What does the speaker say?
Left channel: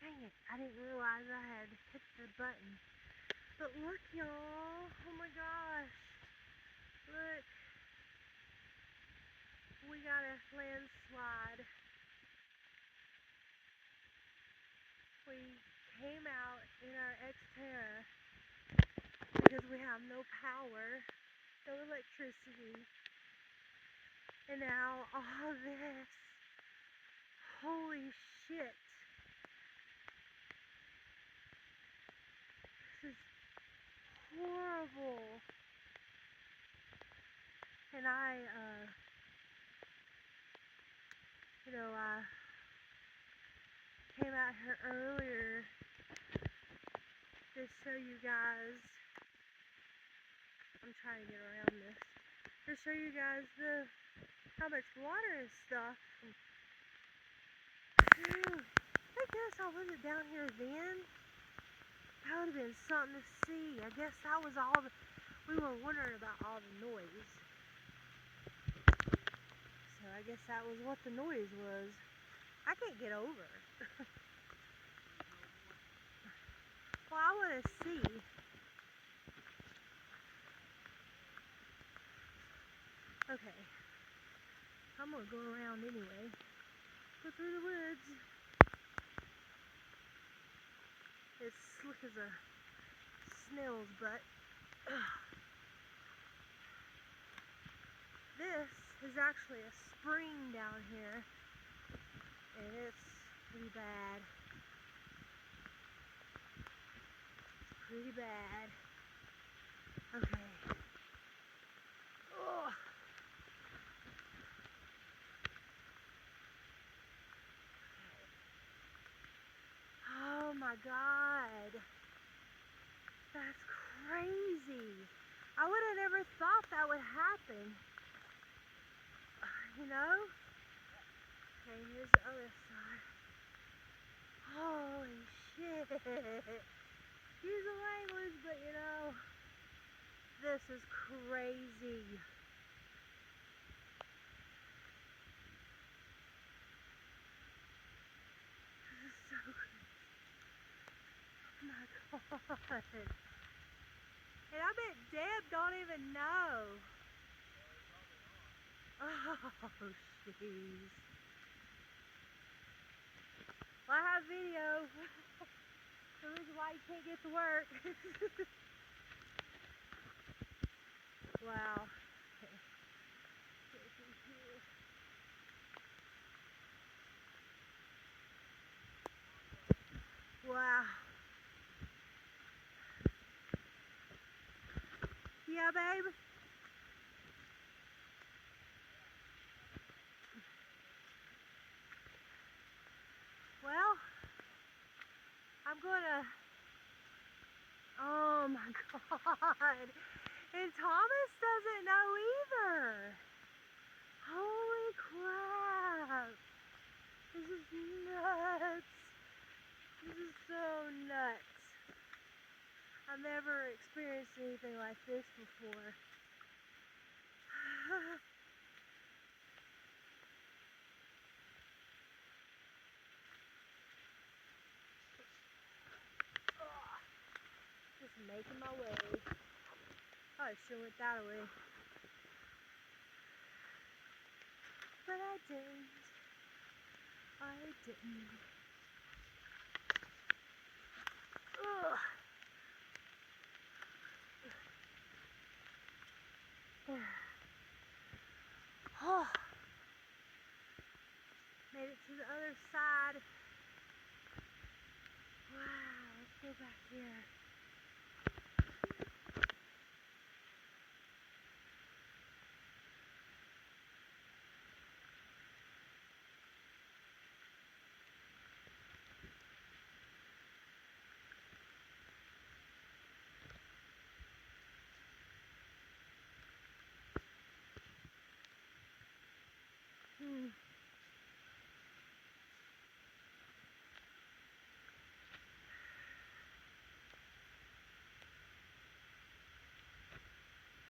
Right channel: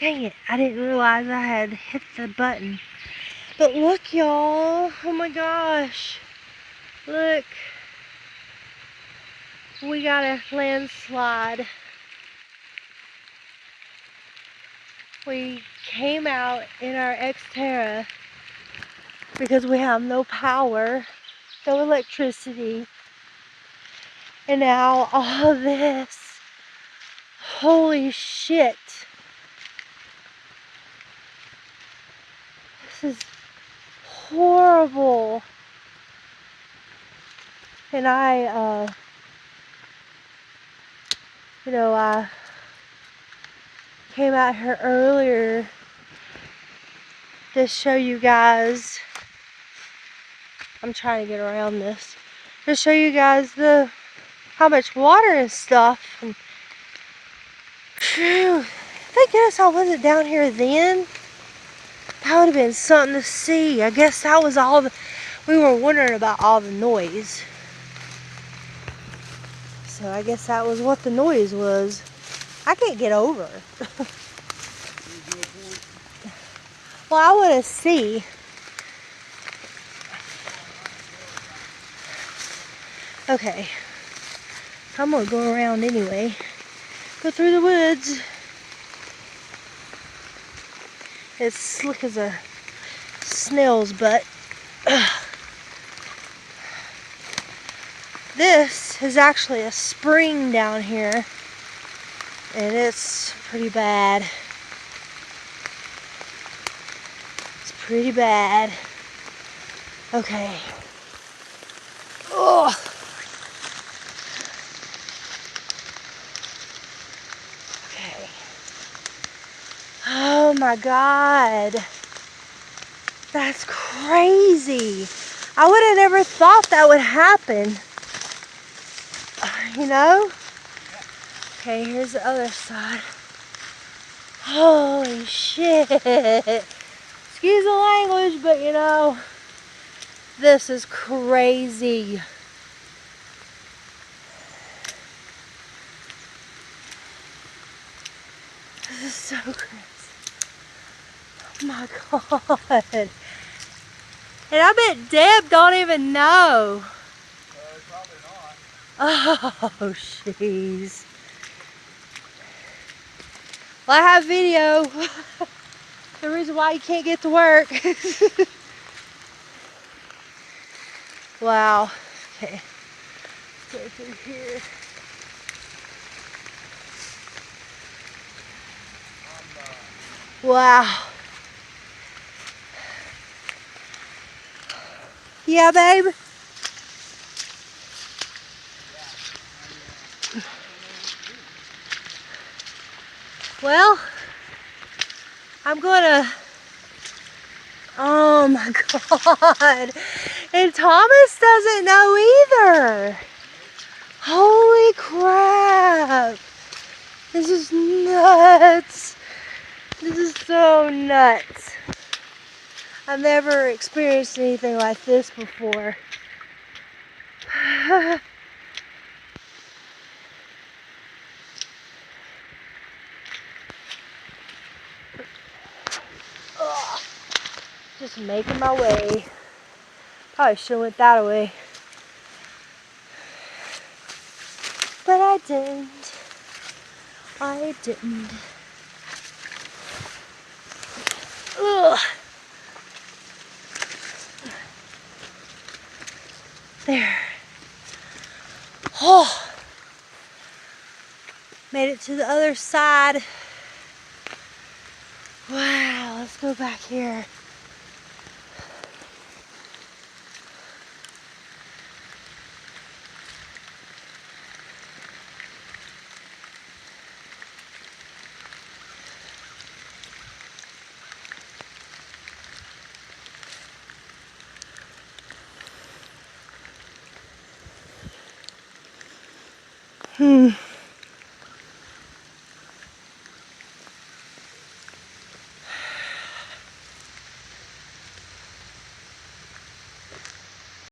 Dang it, I didn't realize I had hit the button. But look, y'all. Oh my gosh. Look. We got a landslide. We came out in our Xterra because we have no power, no electricity. And now all of this. Holy shit. This is horrible. And I came out here earlier to show you guys. I'm trying to get around this. To show you guys how much water and stuff. And, phew, thank goodness I wasn't down here then. That would have been something to see. I guess that was all we were wondering about, all the noise. So I guess that was what the noise was. I can't get over. Well, I want to see. Okay. I'm going to go around anyway. Go through the woods. It's slick as a snail's butt. Ugh. This is actually a spring down here. And it's pretty bad. It's pretty bad. Okay. Ugh. Okay. Oh my God. That's crazy. I would have never thought that would happen. You know? Okay, here's the other side. Holy shit. Excuse the language, but you know, this is crazy. This is so crazy. Oh my God. And I bet Deb don't even know. Probably not. Oh, jeez. Well, I have video. The reason why you can't get to work. Wow. Okay. Let's go through here. Wow. Yeah, babe? Well, I'm gonna, oh my God. And Thomas doesn't know either. Holy crap. This is nuts. This is so nuts. I've never experienced anything like this before. Just making my way. Probably should have went that way. But I didn't. I didn't. Ugh. There. Oh. Made it to the other side. Wow, let's go back here.